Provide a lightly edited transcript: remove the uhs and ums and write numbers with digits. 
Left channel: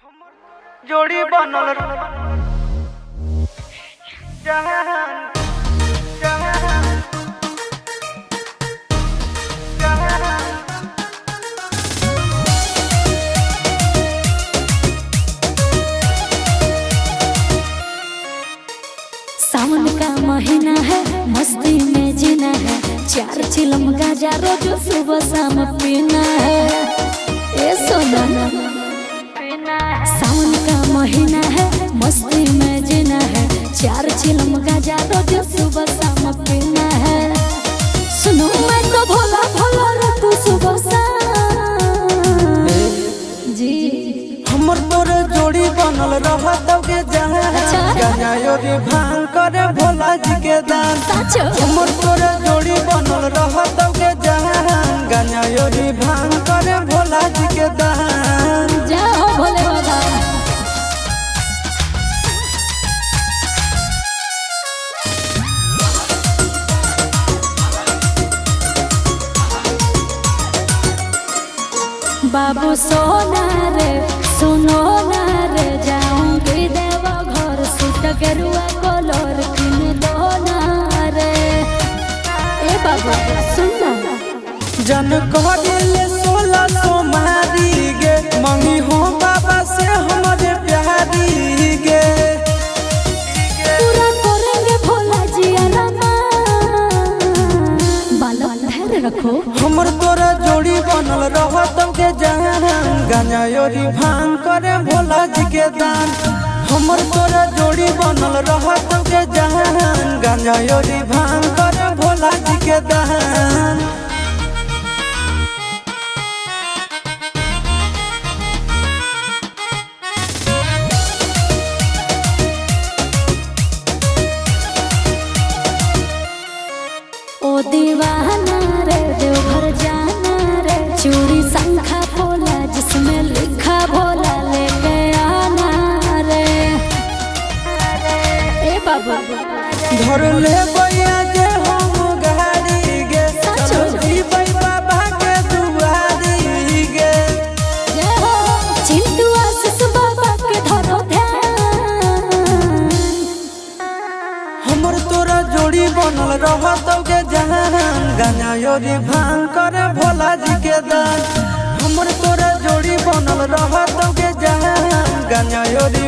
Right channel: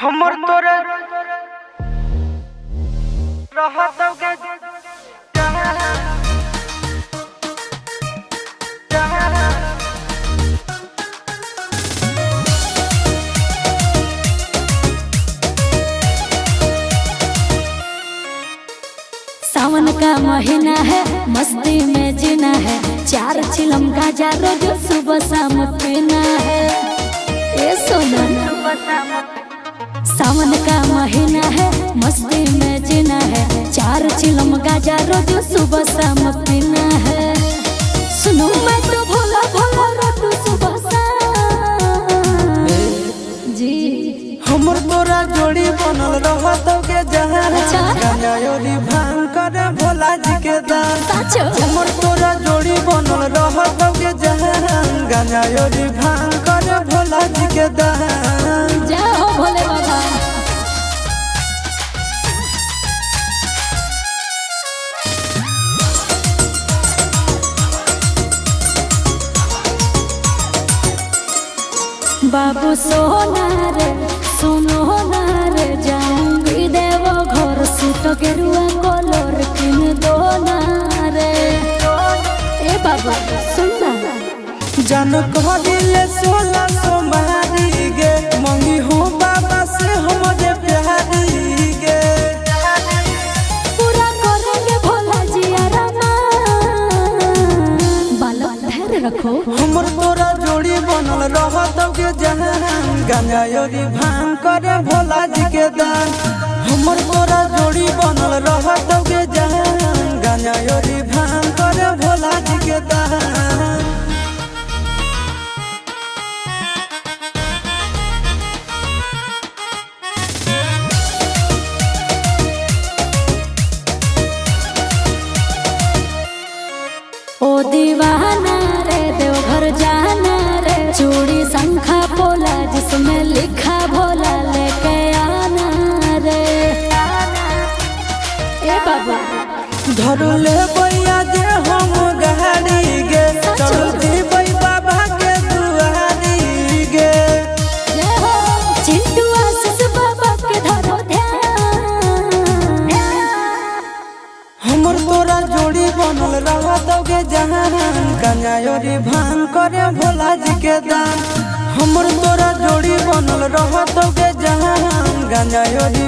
हमर तोरे जोड़ी बनल रहत के जहान सावन का महीना है, मस्ती में जीना है, 4 चिलम गांजा रोज सुबह शाम पीना है। ए सोना, सावन का महीना है, मस्ती में जीना है, 4 चिलम गांजा रोज सुबह शाम पीना है। सुनो मैं तो भोला भोला तू सुबह शाम जी हमर तोरा जोड़ी बनल रहत के जहान। अच्छा गंगायोरी भांग करे भोला जी के दान। साचो हमर तोरा जोड़ी बनल रहत के जहान। गंगायोरी भांग करे भोला जी के दान। जय हो भोले बाबा। बाबू सोना रे सोनो ना रे जाऊंगी देव घर सूट के रुआ कलर किन दो ना रे। ए बाबू सुन ना जन कहले सोला सुमारी गे मम्मी हो बाबा से हमर प्यारी गे। पूरा करोगे भोला जी बालक धैर्य रखो। हमर तोरा जोड़ी बनल रहत के जहान। गंगायोरी भांग करे भोला जी के दान। हमर तोरा जोड़ी बनल रहत के जहान। गंगायोरी भांग करे भोला जी के दान। ओ दीवाना रे देवघर जाना रे, चूड़ी शंखा बोला जिसमें लिखा भोला लेके आना रे। ए बाबू घर ले बैया जे हम गाड़ी गे। साचो जी बाबा के दुआरी गे। जय हो चिंटू आशीष बाबा के धरो ध्यान। हमर तोरा जोड़ी बनल रहत के जहान। गंगायोरी भांग करे भोला जी के दान। हमर तोरा जोड़ी बनल रहत के जहान। गंगायोरी